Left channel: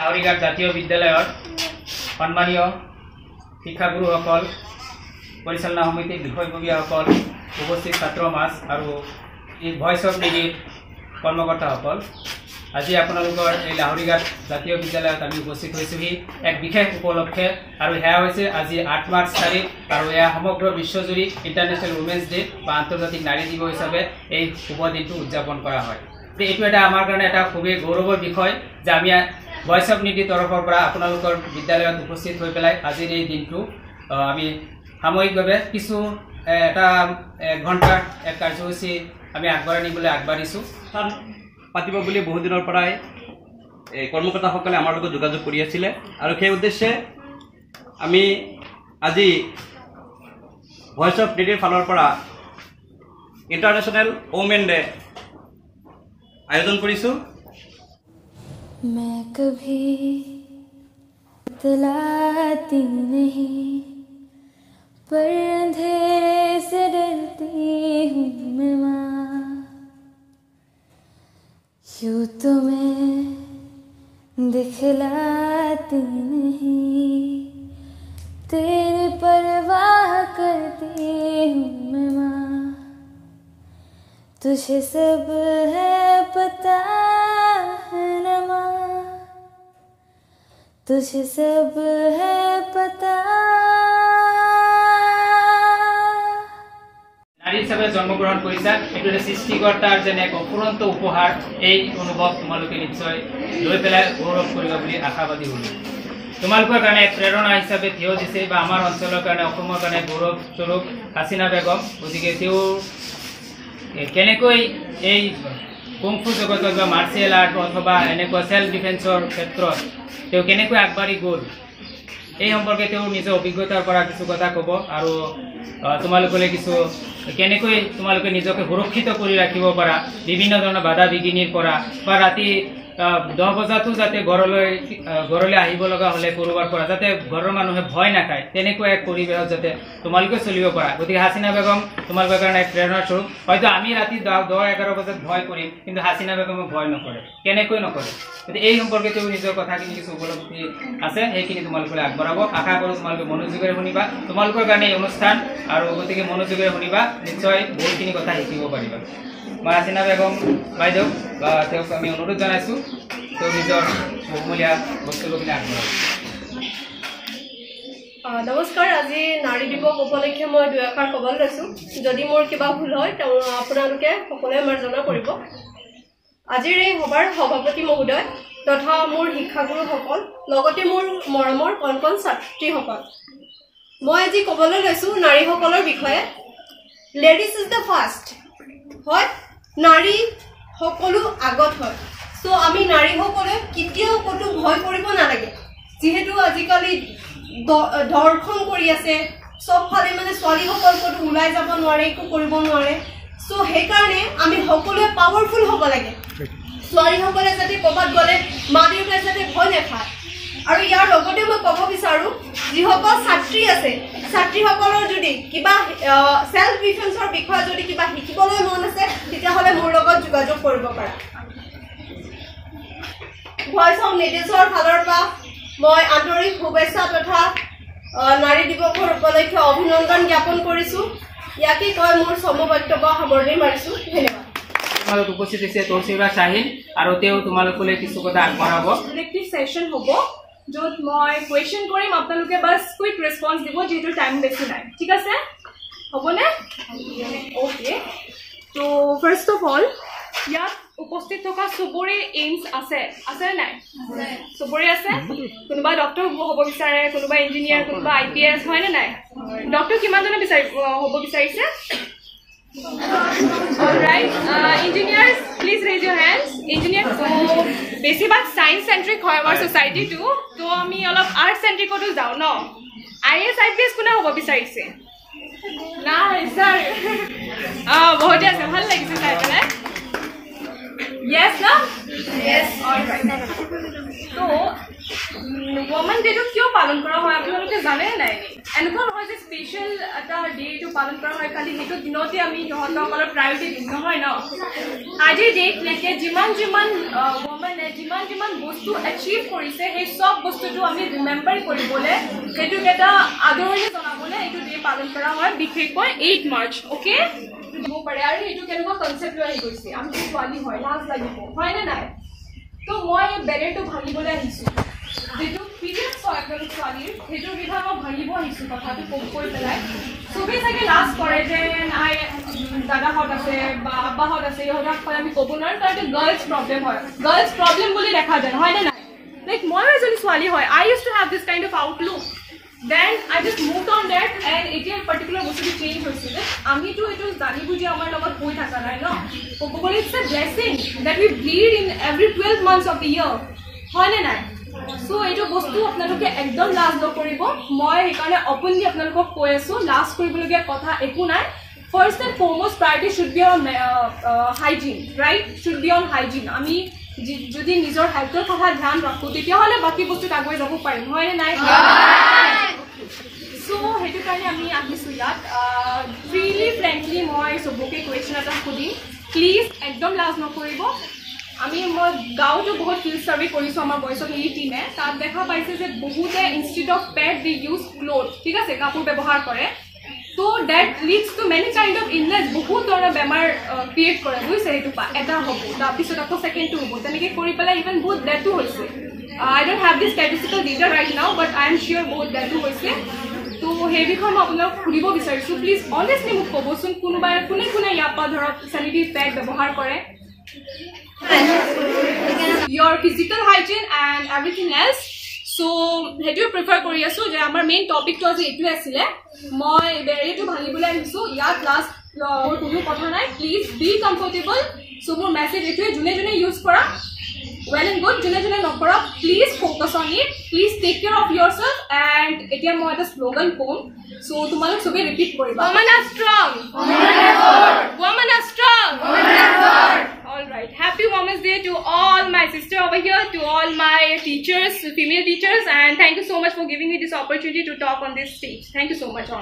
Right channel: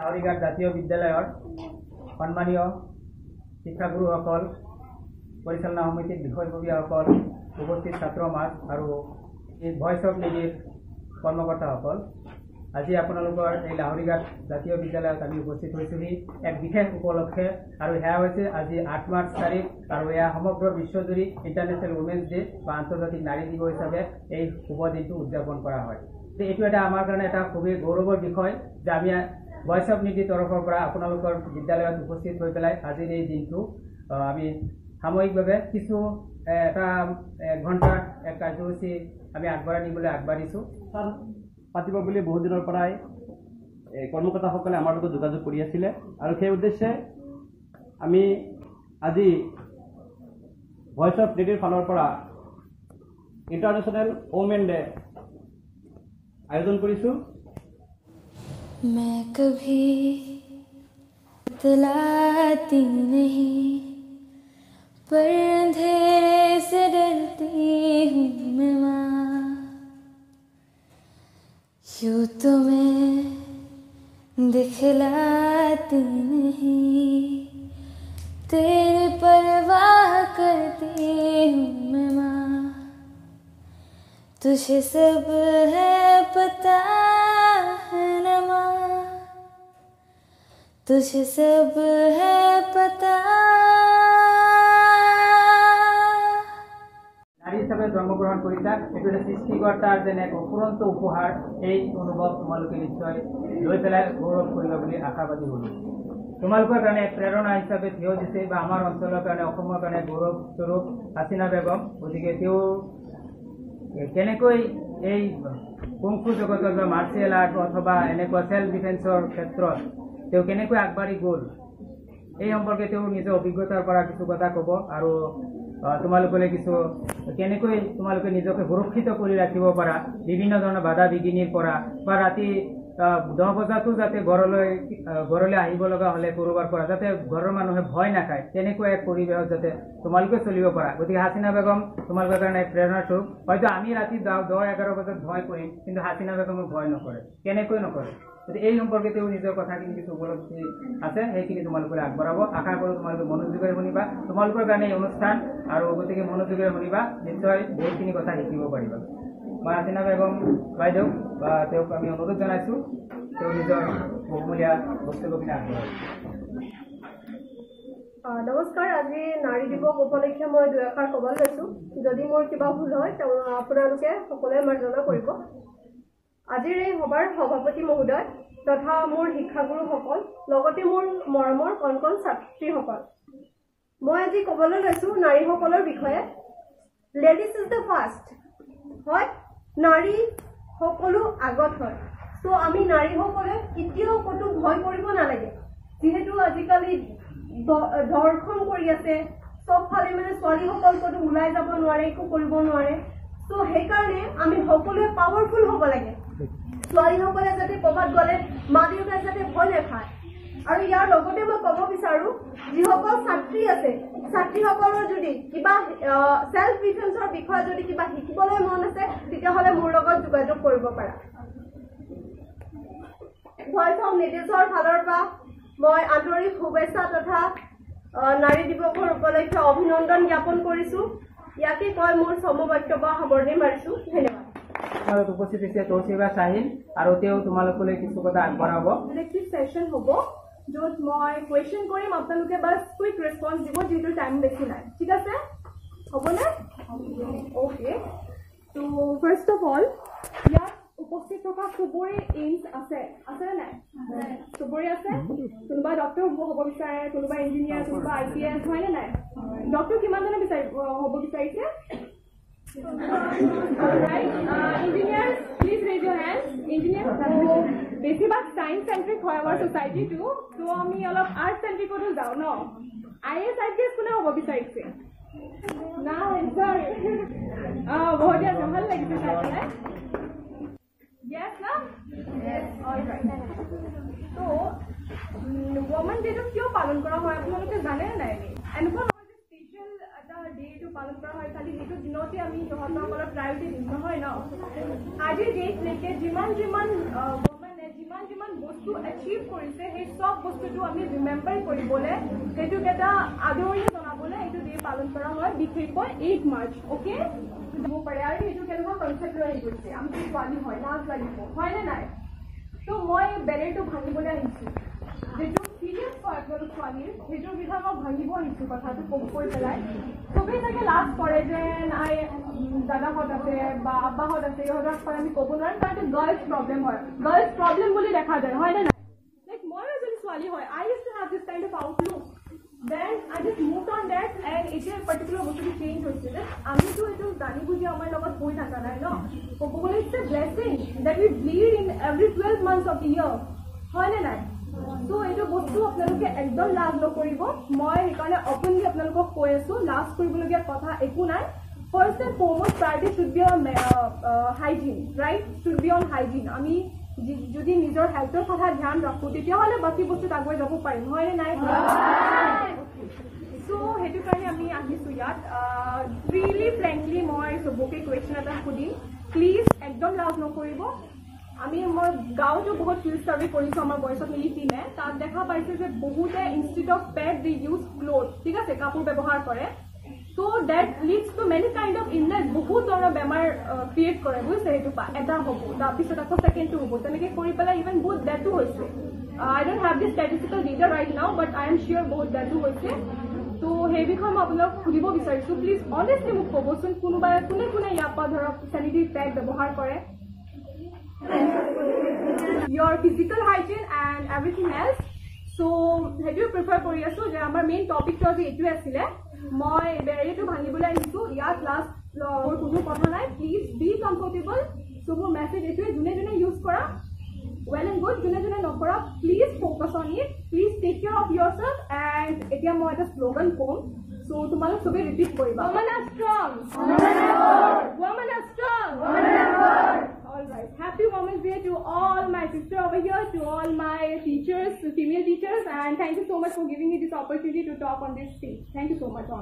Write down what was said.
লাহৰীঘাট জাতীয় বিদ্যালয়ৰ সন্মানীয় শিক্ষাগুৰুসকল, পৰিচালনা সমিতিৰ বিষয়ববীয়াসকল, উপস্থিত ছাত্ৰ সমাজ আৰু এই ভইচ অফ নিডিৰ কৰ্মকৰ্তাসকল, আজি আপোনালোকৰ এই লাহৰীঘাট জাতীয় বিদ্যালয়ত আমি উপস্থিত হৈছোহি এক বিশেষ উপলক্ষে। আৰু সেয়া হৈছে আজি 8 মাৰ্চ তাৰিখ, আৰু এয়া সমগ্ৰ বিশ্বজুৰি ইণ্টাৰনেশ্যনেল উমেন্স ডে বা আন্তৰ্জাতিক নাৰী দিৱস হিচাপে এই শুভ দিনটো উদযাপন কৰা হয়। এইটো এটা আমাৰ কাৰণে এটা খুবেই গৌৰৱৰ বিষয় যে আমি ভইচ অফ নিডিৰ তৰফৰ পৰা আপোনালোকৰ বিদ্যালয়ত উপস্থিত হৈ পেলাই আজিৰ এই দিনটো আমি সাময়িকভাৱে কিছু এটা 1 ঘণ্টাৰ এক কাৰ্যসূচী আমি আগবঢ়াই নিবলৈ আগবাঢ়িছোঁ। পাতিব বুলি বহু দিনৰ পৰাই কৰ্মকৰ্তাসকলে আমাৰ লগত যোগাযোগ কৰি আছিলে, আৰু সেই উদ্দেশ্যে আমি আজি ভইচ অফ নিডিৰ ফালৰ পৰা ইণ্টাৰনেশ্যনেল ওমেন ডে আয়োজন কৰিছোঁ। मैं कभी बतलाती नहीं, पर अंधेरे से डरती हूँ मैं माँ। यूँ तो मैं दिखलाती नहीं, तेरी परवाह करती हूँ मैं माँ। तुझे सब है पता है न माँ, तुझे सब है पता। নাৰী হিচাপে জন্মগ্ৰহণ কৰিছা, এইটো এটা সৃষ্টিকৰ্তাৰ যেন এক অফুৰন্ত উপহাৰ। এই অনুভৱ তোমালোকে নিশ্চয় লৈ পেলাই গৌৰৱ কৰিবা বুলি আশাবাদী হ'লোঁ। তোমালোকৰ কাৰণে এক প্ৰেৰণা হিচাপে থিয় দিছে বা আমাৰ অঞ্চলৰ কাৰণে, অসমৰ কাৰণে গৌৰৱস্বৰূপ হাছিনা বেগম। গতিকে তেওঁ কেনেকৈ এই কুংফু জগতত বা মাৰ্চিয়েল আৰ্ট অথবা এনেকুৱা সেল্ফ ডিফেন্সৰ ক্ষেত্ৰত তেওঁ কেনেকৈ আগবাঢ়ি গ'ল, এই সম্পৰ্কে তেওঁ নিজৰ অভিজ্ঞতাৰ পৰা কিছু কথা ক'ব, আৰু তোমালোকলৈ কিছু কেনেকৈ তোমালোকে নিজকে সুৰক্ষিত কৰি ৰাখিব পাৰা বিভিন্ন ধৰণৰ বাধা বিঘিনিৰ পৰা, বা ৰাতি 10 বজাতো যাতে ঘৰলৈ আহিব লগা হ'লে ক'ৰবাৰ পৰা যাতে ঘৰৰ মানুহে ভয় নাখায়, তেনেকুৱা এক পৰিৱেশত যাতে তোমালোকে চলিব পাৰা। গতিকে হাছিনা বেগম তোমালোকৰ কাৰণে এক প্ৰেৰণাৰ স্বৰূপ। হয়তো আমি ৰাতি 10-11 বজাত ভয় কৰিম, কিন্তু হাছিনা বেগমে ভয় নকৰে। কেনেকৈ নকৰে? গতিকে এই সম্পৰ্কে তেওঁ নিজৰ কথাখিনি কিছু উপলব্ধি আছে, সেইখিনি তোমালোকলৈ আগবঢ়াব। আশা কৰোঁ তোমালোকে মনোযোগেৰে শুনিবা। তোমালোকৰ কাৰণে এই অনুষ্ঠান, আৰু গতিকে মনোযোগেৰে শুনিবা, নিশ্চয় বহুতখিনি কথা শিকিব পাৰিবা। মই হাছিনা বেগম বাইদেউ বা তেওঁক আমি অনুৰোধ জনাইছোঁ, তেওঁ নিজৰ বহুমূলীয়া বক্তব্যখিনি আগবঢ়াব। নমস্কাৰ। আজি নাৰী দিৱস উপলক্ষে মই 2 এষাৰ ক'বলৈ লৈছোঁ। যদি মোৰ কিবা ভুল হয় তেওঁ আপোনালোকে সকলোৱে মাৰ্জনা কৰিব। আজিৰ এই সভাৰ সভাপতি মহোদয় তথা মোৰ শিক্ষাগুৰুসকল, লগতে মোৰ মৰমৰ কণ কণ ছাত্ৰীসকল, মই আজি ক'বলৈ লৈছোঁ নাৰীসকলৰ বিষয়ে। Ladies is the first. হয়, নাৰী সকলো আগত হয়। চ' আমি নাৰীসকলে কেতিয়াও ক'তো ভয় কৰিব নালাগে, যিহেতু আজিকালি ধৰ্ষণ কৰি আছে চবফালে, মানে ছোৱালীসকল ক'তো ওলাই যাব নোৱাৰে, একো কৰিব নোৱাৰে। চ' সেইকাৰণে আমি সকলোৱে পাৱাৰফুল হ'ব লাগে। ছোৱালীসকলে যাতে ক'ৰবাত গ'লে মা দেউতাই যাতে ভয় নাখায়। আৰু ইয়াৰ লগতে মই ক'ব বিচাৰোঁ, যিসকল ছাত্ৰী আছে, ছাত্ৰীসকলৰ যদি কিবা সেল্ফ ডিফেন্সৰ বিষয়ে যদি কিবা শিকিবলৈ মন আছে, তেতিয়াহ'লে মোৰ লগত যোগাযোগ কৰিব পাৰা। ভইচ অফ নিডিছৰ ফালৰ পৰা মই আন্তৰিক শুভেচ্ছা তথা নাৰী দিৱসৰ উপলক্ষে অভিনন্দন জ্ঞাপন কৰিছোঁ। ইয়াকে কৈ মোৰ চমু বক্তব্য সামৰণি মাৰিছোঁ। ধন্যবাদ। তোমালোক উপস্থিত হৈছে তৌচিফা শ্বাহিন, আৰু তেওঁ তোমালোকলৈ কিছু কথা আগবঢ়াব। ইলেক্টিভ ছেশ্যন হ'ব, য'ত মই কুৱেশ্যন কৰিম, আপোনালোকে বাছ কুইক ৰেছপন্স দিব, যিহেতু টাইম বেছি নাই। ঠিক আছে, হ'বনে? অ'কে। তো ফাৰ্ষ্ট অফ অল, ইয়াত উপস্থিত থকা চবৰে এইমছ আছে নাই? চবৰে আছে। কোনোবা ডক্টৰ হ'ব বিচাৰে, কোনোবা ইঞ্জিনিয়াৰ, কোনোবা IPS, হয়নে নাই? ডক্টৰ কিমানজনে হ'ব বিচাৰিছে? Alright, engineers please raise Euro hands. Engineer, তো বেছিভাগ ছায়েন্স চেণ্ট্ৰিক হয় আমাৰ ছ'চাইটিটো, তো আমি অলপ আৰ্ট চেণ্ট্ৰিকতো যাওঁ ন। IAS IPS কোনে হ'ব বিচাৰিছে? নাই ছাৰ, বহুতে আছে, ভাল লাগিছে চাই পেলাই। Yes, no? Yes. All right. So, woman day to কিয় পালন কৰা হয় আপোনালোকে জানে নাই? এনেকুৱা নহয় যে স্পেচিয়েল এটা ডেটো পালন কৰা হয় খালি সেইটো দিনতে আমি সিহঁতসকলৰ প্ৰায়োৰিটি দিম নহয় ন। আজিৰ ডেটলৈকে যিমান woman যিমান যিমান বস্তু এচিভ কৰিছে সেই চব বস্তুটো আমি ৰিমেম্বাৰ কৰিবলৈ সেইটোক এটা আদৰণি জনাবলৈ এইটো ডে পালন কৰা হয় বিশেষকৈ 8 মাৰ্চ অ'কে দিব পাৰে আৰু এইটো কেনেকুৱা কনচেপ্ট লৈ আহি গৈছে আমি ছোৱালী হয় লাজ লাগিব হয়নে নাই তো মই বেলেগটো ভাঙিবলৈ আহিছোঁ যিটো পিৰিয়ড চয়গল ছোৱালীৰ সেইটো বিষয়ে মই ভাঙিব আহিছোঁ কথাটো কৈ পেলাই চবেই চাগে লাজ কৰে যে নাই দাদাহঁত আছে বা আব্বাহঁত আছে ইহঁতক কয় আমি ক'ব নোৱাৰোঁ তাৰ এইটো গাৰ্লছ প্ৰব্লেম হয় গাৰ্লছ প্ৰব্লেম বুলি দেখা যায় হয়নে নাই লাইক ময়ো এজনী ছোৱালী হয় I use to have this kind of outlook then I just move on that and এতিয়া পাৰ্টিকুলাৰ বস্তুটো চেঞ্জ হৈছে যে আমিতো এইটো জানি বুজি আমাৰ লগত হৈ থকা নাই ন ক'ব গ'লে it's a blessing that we bleed in every 12 months of the year হয়নে নাই সো এইটো বস্তু আপোনালোকে একদম লাজ নকৰিব মই সেইকাৰণে অপেনলি আপোনালোকক কৈ আছোঁ লাজ কৰিবলগীয়া কথা একো নাই first and foremost priority should be on hygiene right should be on hygiene আমি যদি নিজৰ হেল্থৰ কথা ধ্যান ৰাখোঁ তেতিয়াহ'লে বাকী বস্তুত আগুৱাই যাব পাৰিম হয়নে নাই চ' সেইটো কাৰণে আমি আহিছোঁ ইয়াত ফ্ৰীলি ফ্ৰেংকলি মই চবকে কুৱেশ্যন এটা সুধিম প্লিজ একদম লাজ নকৰিব মই গাঁৱতো বহুত ফিল্ড ছাৰ্ভে কৰিছোঁ আমাৰ বয়স অফ মিলি টিমে তাত দেখা পাইছে যে বহুতে instead of pad they use cloth ঠিক আছে কাপোৰ ব্যৱহাৰ কৰে তো that leads to many kind of illness বহুত ধৰণৰ বেমাৰ ক্ৰিয়েট কৰে বুজিছে সেইটো এটা হ'ব তাৰপিছত আকৌ ছেকেণ্ডটো হ'ব তেনেকৈ কৰি পেলাই ইভেন বহুত ডেথো হৈছে I don't have this statistical data right now but I am চিয়'ৰ বহুত ডেথো হৈছে তো সেই বিষয়ে মই আপোনাক সুধিব বিচাৰিছোঁ প্লিজ অনেষ্টলি মোক ক'বচোন কোনোবাই কোনে ইয়াৰ পৰা ধৰক চেনিটেৰী পেড ব্যৱহাৰ কৰে your physical hygiene and everything else so hetu prefer kori asu je amar main topic to aji etu asile moi barrier to bhangibole ahisu yat last kono kotha nai please be comfortable so more message etu june use kora well and good june nokora please focus on it please take care of yourself and etia moi eta slogan kom so tumalok sobe repeat koriba women are strong women are strong all right happy women's day to all my sister over here to all my teachers female teachers and thank you so much for giving me this opportunity to talk on this stage thank you so much